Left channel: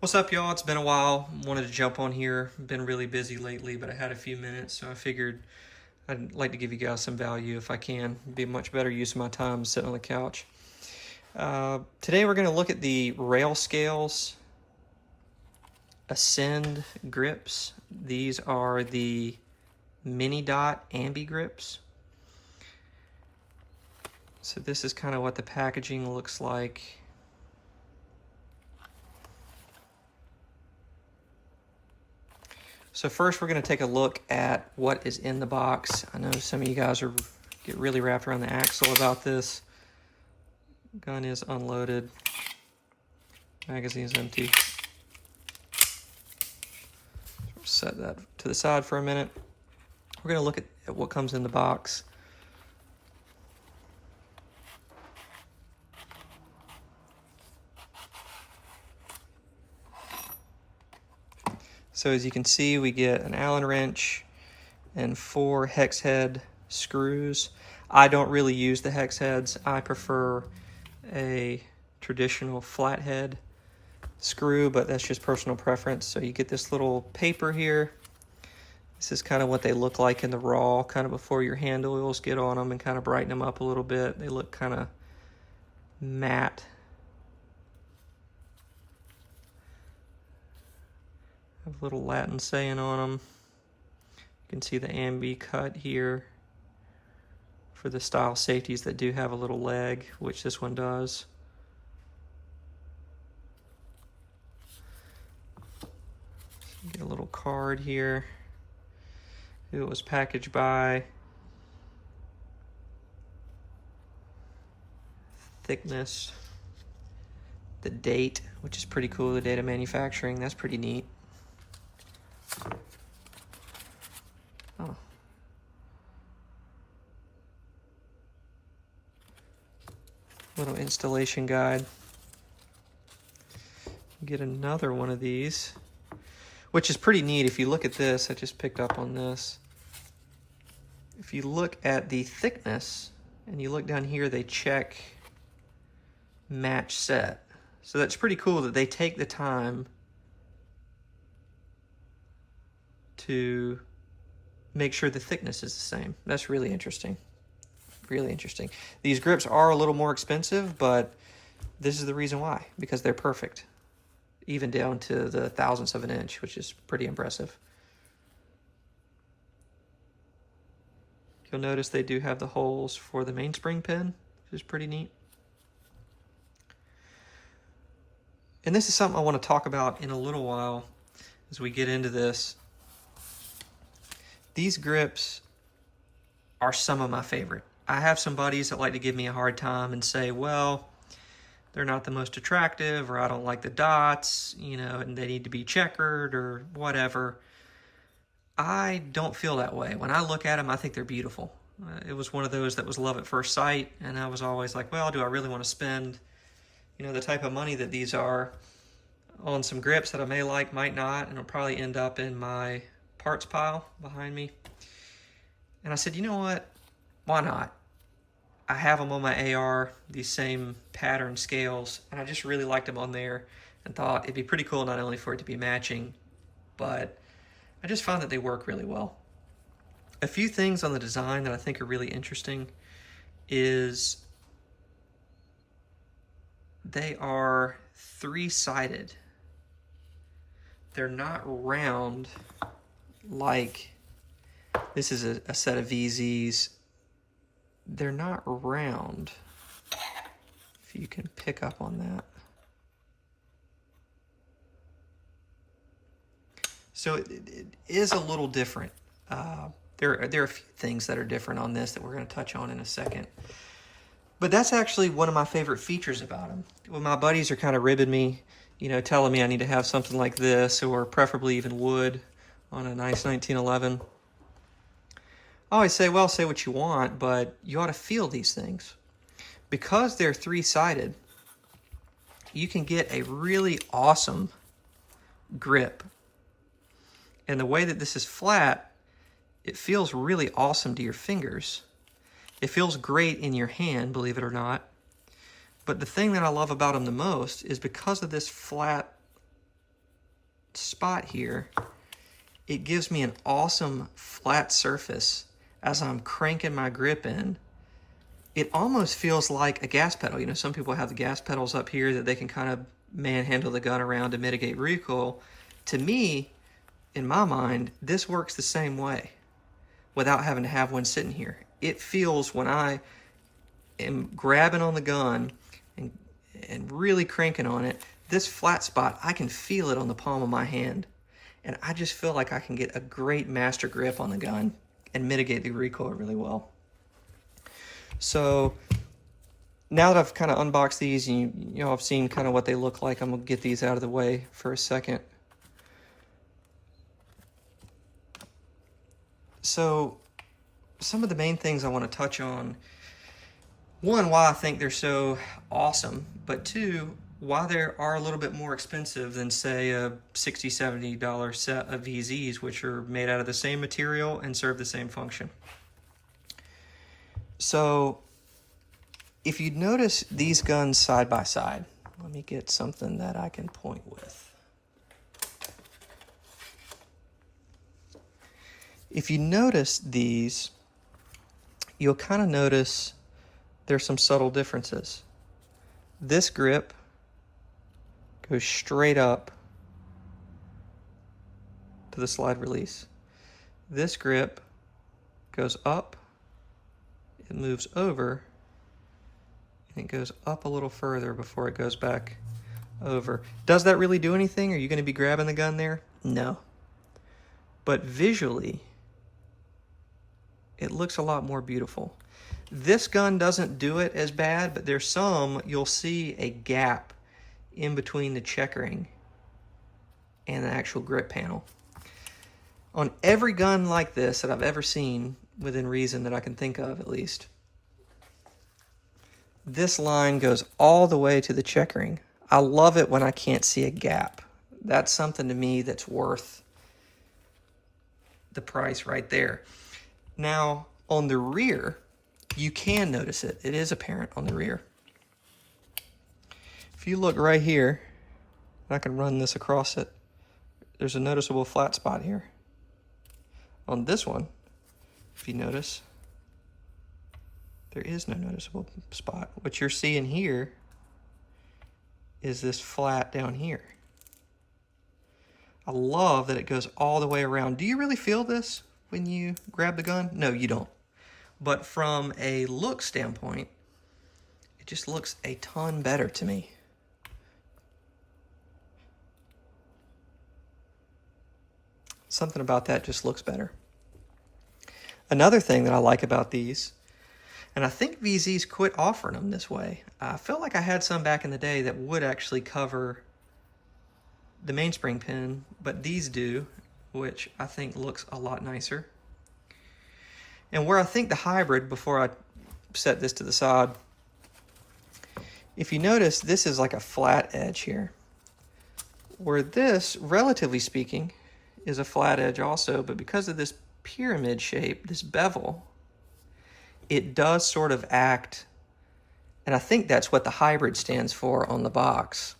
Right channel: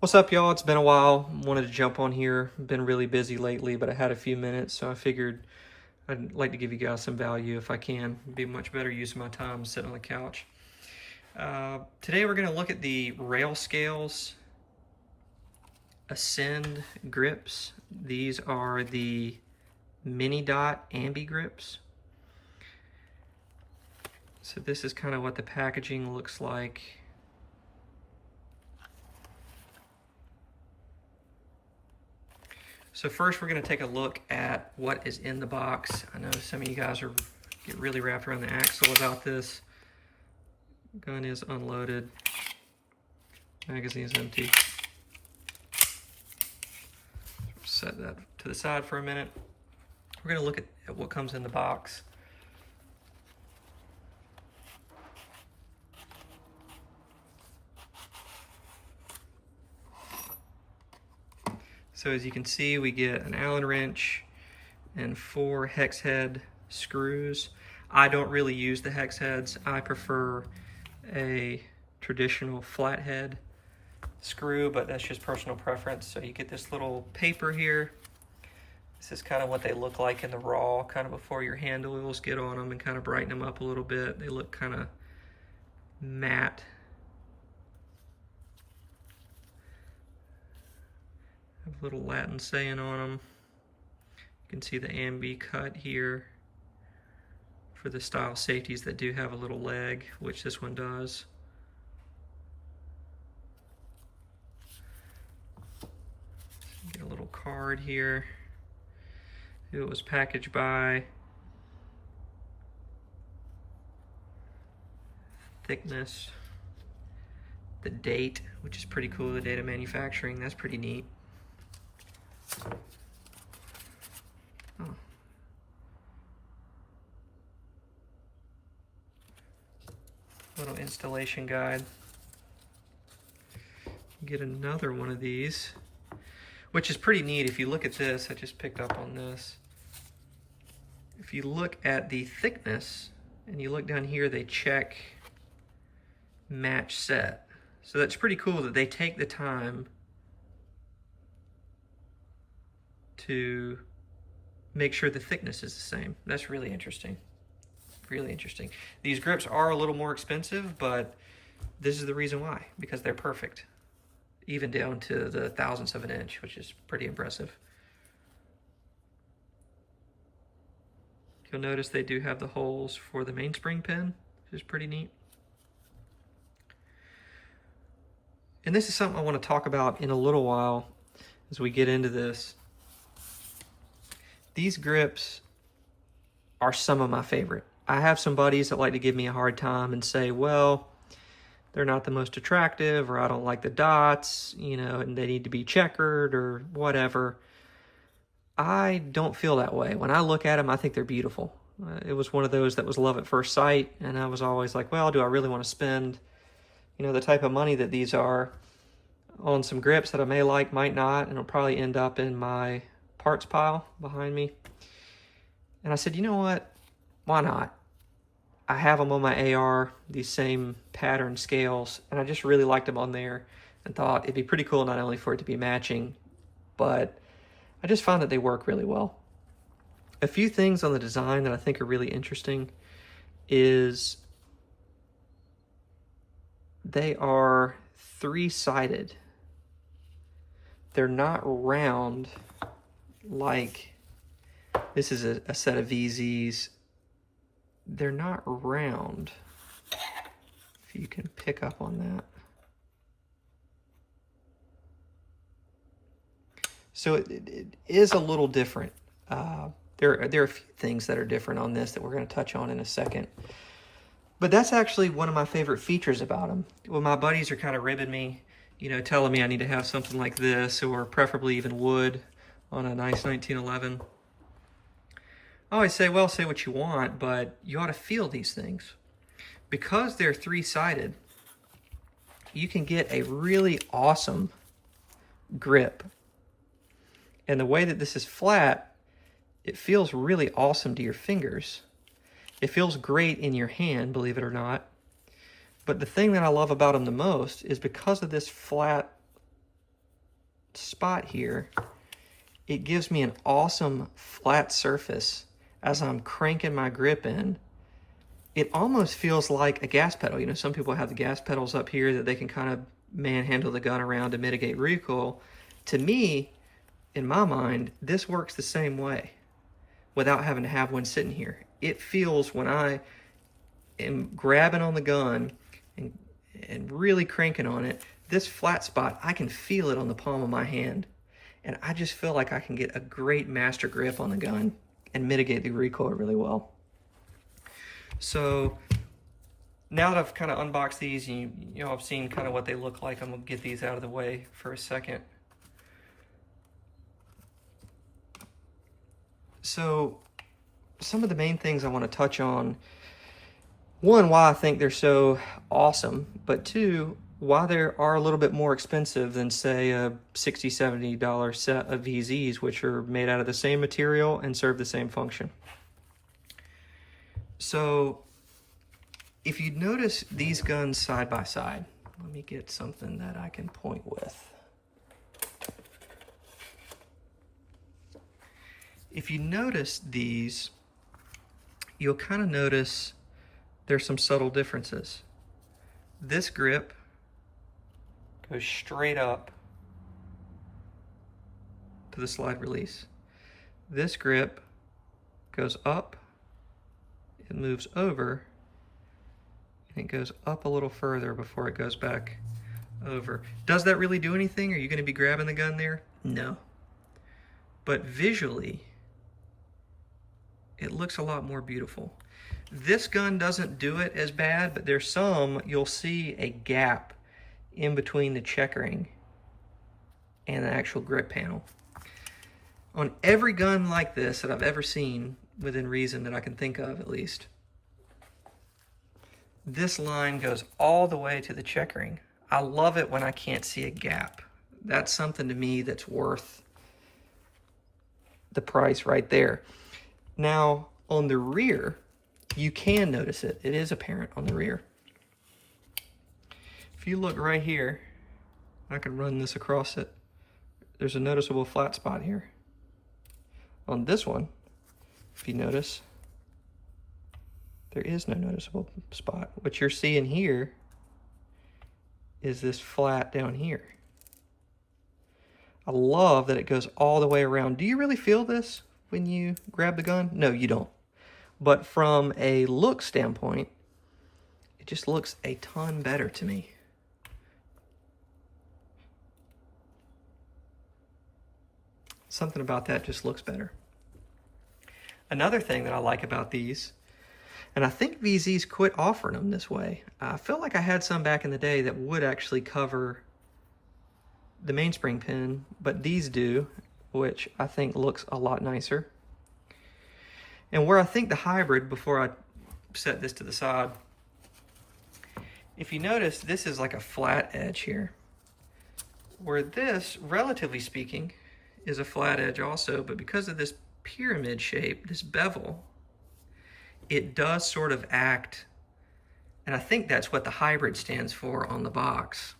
What's up, y'all? It's been a while. Wanted to jump on here. Been really busy lately, but I had a few minutes, so I figured I'd like to give you guys some value if I can. It'd be much better use of my time sitting on the couch. Today we're going to look at the Railscales Ascend grips. These are the MiniDot ambi grips. So this is kind of what the packaging looks like. So first we're going to take a look at what is in the box. I know some of you guys get really wrapped around the axle about this. Gun is unloaded. Magazine's empty. Set that to the side for a minute. We're going to look at what comes in the box. So as you can see, we get an Allen wrench and 4 hex head screws. I don't really use the hex heads. I prefer a traditional flathead screw, but that's just personal preference. So you get this little paper here. This is kind of what they look like in the raw, kind of before your hand oils get on them and kind of brighten them up a little bit. They look kind of matte. Have a little Latin saying on them. You can see the ambi cut here for the style safeties that do have a little leg, which this one does. Get a little card here. Who it was packaged by, thickness, the date, which is pretty cool, the date of manufacturing. That's pretty neat. Oh. Little installation guide. Get another one of these, which is pretty neat. If you look at this, I just picked up on this. If you look at the thickness and you look down here, they check match set. So that's pretty cool that they take the time to make sure the thickness is the same. That's really interesting. Really interesting. These grips are a little more expensive, but this is the reason why, because they're perfect. Even down to the thousandths of an inch, which is pretty impressive. You'll notice they do have the holes for the mainspring pin, which is pretty neat. And this is something I want to talk about in a little while as we get into this. These grips are some of my favorite. I have some buddies that like to give me a hard time and say, well, they're not the most attractive, or I don't like the dots, you know, and they need to be checkered or whatever. I don't feel that way. When I look at them, I think they're beautiful. It was one of those that was love at first sight, and I was always like, well, do I really want to spend, you know, the type of money that these are on some grips that I may like, might not, and it'll probably end up in my parts pile behind me. And I said, you know what? Why not? I have them on my AR, these same pattern scales, and I just really liked them on there and thought it'd be pretty cool not only for it to be matching, but I just found that they work really well. A few things on the design that I think are really interesting is they are 3-sided. They're not round like this is a set of VZs. They're not round, if you can pick up on that. So it is a little different. There are a few things that are different on this that we're going to touch on in a second. But that's actually one of my favorite features about them. When my buddies are kind of ribbing me, you know, telling me I need to have something like this, or preferably even wood on a nice 1911. I always say, well, say what you want, but you ought to feel these things. Because they're 3-sided, you can get a really awesome grip. And the way that this is flat, it feels really awesome to your fingers. It feels great in your hand, believe it or not. But the thing that I love about them the most is because of this flat spot here, it gives me an awesome flat surface as I'm cranking my grip in. It almost feels like a gas pedal. You know, some people have the gas pedals up here that they can kind of manhandle the gun around to mitigate recoil. To me, in my mind, this works the same way without having to have one sitting here. It feels, when I am grabbing on the gun and really cranking on it, this flat spot, I can feel it on the palm of my hand. And I just feel like I can get a great master grip on the gun and mitigate the recoil really well. So now that I've kind of unboxed these, you know, I've seen kind of what they look like, I'm gonna get these out of the way for a second. So some of the main things I want to touch on: one, why I think they're so awesome, but two, why they are a little bit more expensive than, say, a $60, $70 set of VZs, which are made out of the same material and serve the same function. So if you notice these guns side by side, let me get something that I can point with. If you notice these, you'll kind of notice there's some subtle differences. This grip goes straight up to the slide release. This grip goes up, it moves over, and it goes up a little further before it goes back over. Does that really do anything? Are you going to be grabbing the gun there? No. But visually, it looks a lot more beautiful. This gun doesn't do it as bad, but there's some, you'll see a gap in between the checkering and the actual grip panel. On every gun like this that I've ever seen, within reason that I can think of at least, this line goes all the way to the checkering. I love it when I can't see a gap. That's something to me that's worth the price right there. Now, on the rear, you can notice it. It is apparent on the rear. If you look right here, I can run this across it. There's a noticeable flat spot here. On this one, if you notice, there is no noticeable spot. What you're seeing here is this flat down here. I love that it goes all the way around. Do you really feel this when you grab the gun? No, you don't. But from a look standpoint, it just looks a ton better to me. Something about that just looks better. Another thing that I like about these, and I think VZs quit offering them this way. I felt like I had some back in the day that would actually cover the mainspring pin, but these do, which I think looks a lot nicer. And where I think the hybrid, before I set this to the side, if you notice, this is like a flat edge here, where this, relatively speaking, is a flat edge also, but because of this pyramid shape, this bevel, it does sort of act, and I think that's what the hybrid stands for on the box,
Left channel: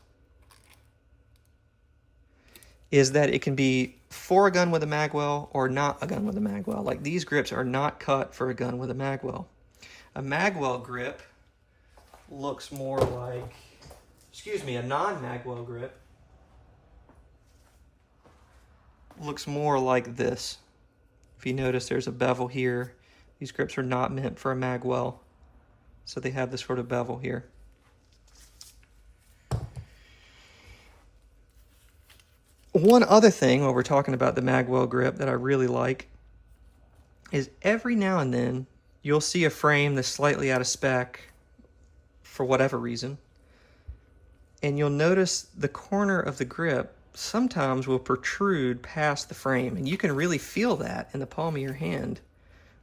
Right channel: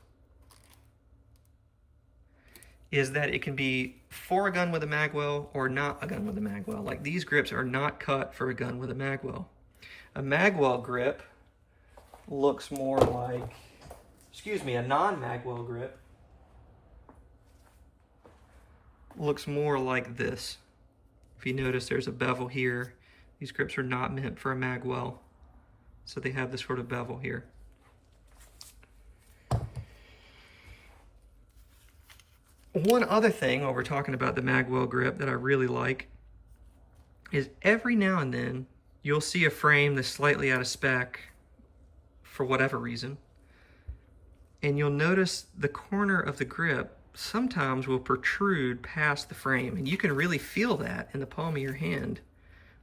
is that it can be for a gun with a magwell or not a gun with a magwell. Like, these grips are not cut for a gun with a magwell. A magwell grip looks more like, a non-magwell grip looks more like this. If you notice, there's a bevel here. These grips are not meant for a magwell, so they have this sort of bevel here. One other thing when we're talking about the magwell grip that I really like is every now and then you'll see a frame that's slightly out of spec for whatever reason, and you'll notice the corner of the grip sometimes will protrude past the frame, and you can really feel that in the palm of your hand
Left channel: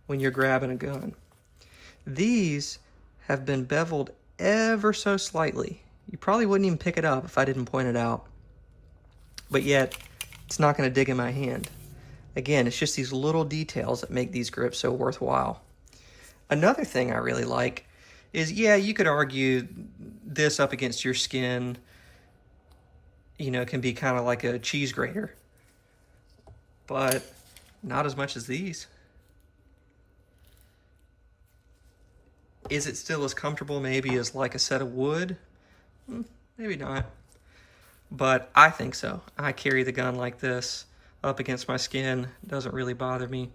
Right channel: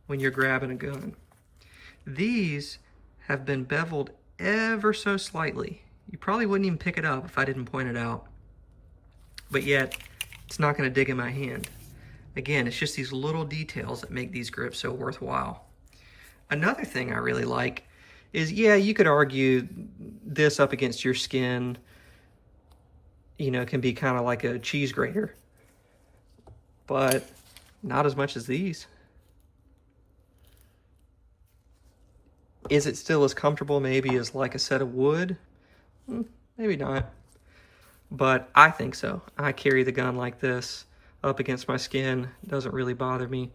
when you're grabbing a gun. These have been beveled ever so slightly. You probably wouldn't even pick it up if I didn't point it out, but yet it's not going to dig in my hand. Again, it's just these little details that make these grips so worthwhile. Another thing I really like is, yeah, you could argue this up against your skin you know, can be kind of like a cheese grater, but not as much as these. Is it still as comfortable maybe as like a set of wood? Maybe not, but I think so. I carry the gun like this up against my skin. It doesn't really bother me.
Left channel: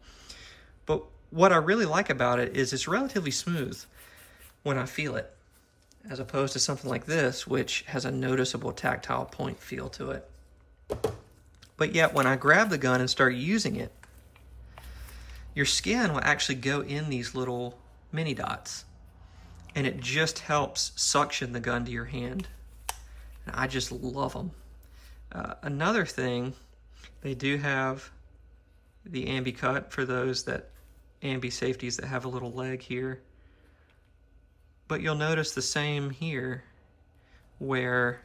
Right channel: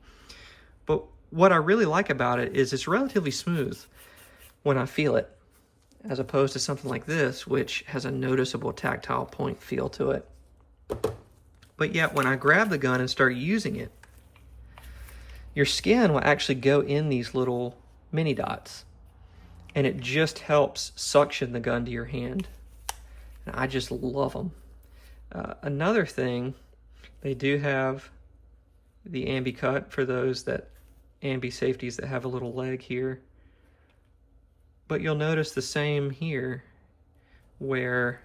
But what I really like about it is it's relatively smooth when I feel it, as opposed to something like this, which has a noticeable tactile point feel to it. But yet, when I grab the gun and start using it, your skin will actually go in these little mini dots, and it just helps suction the gun to your hand. And I just love them. Another thing, they do have the ambi cut for those that ambi safeties that have a little leg here. But you'll notice the same here, where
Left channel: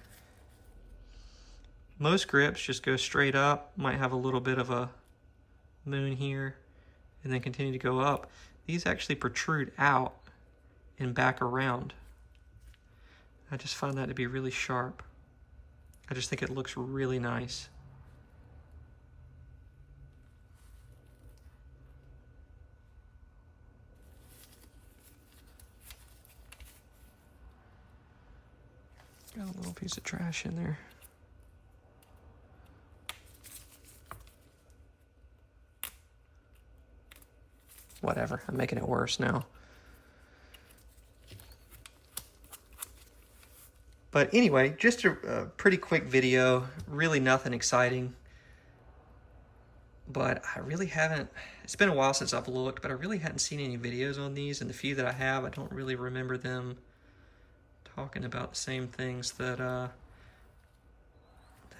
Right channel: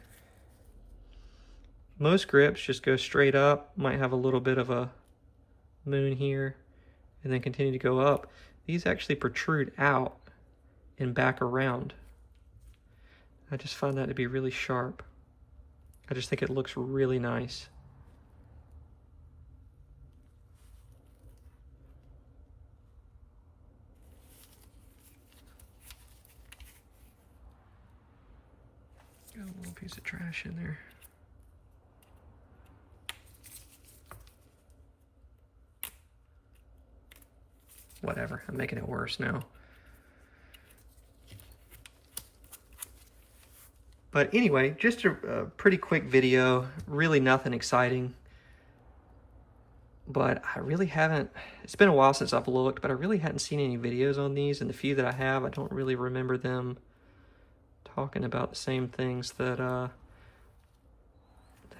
most grips just go straight up, might have a little bit of a moon here, and then continue to go up. These actually protrude out and back around. I just find that to be really sharp. I just think it looks really nice. Got a little piece of trash in there. Whatever, I'm making it worse now. But anyway, just a pretty quick video, really nothing exciting. But I really haven't, it's been a while since I've looked, but I really hadn't seen any videos on these, and the few that I have, I don't really remember them talking about the same things that I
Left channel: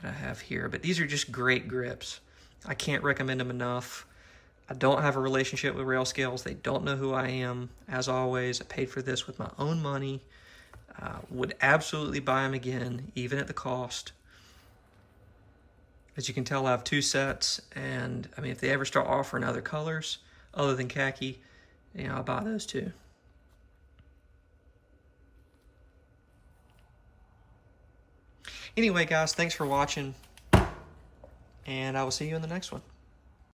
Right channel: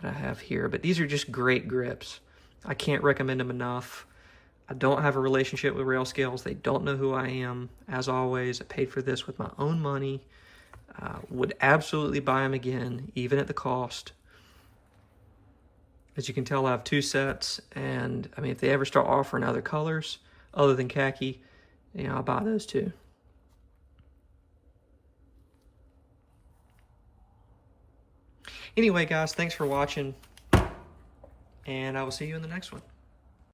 have here. But these are just great grips. I can't recommend them enough. I don't have a relationship with Railscales. They don't know who I am. As always, I paid for this with my own money. Would absolutely buy them again, even at the cost. As you can tell, I have 2 sets, and I mean, if they ever start offering other colors other than khaki, you know, I'll buy those too. Anyway, guys, thanks for watching, and I will see you in the next one.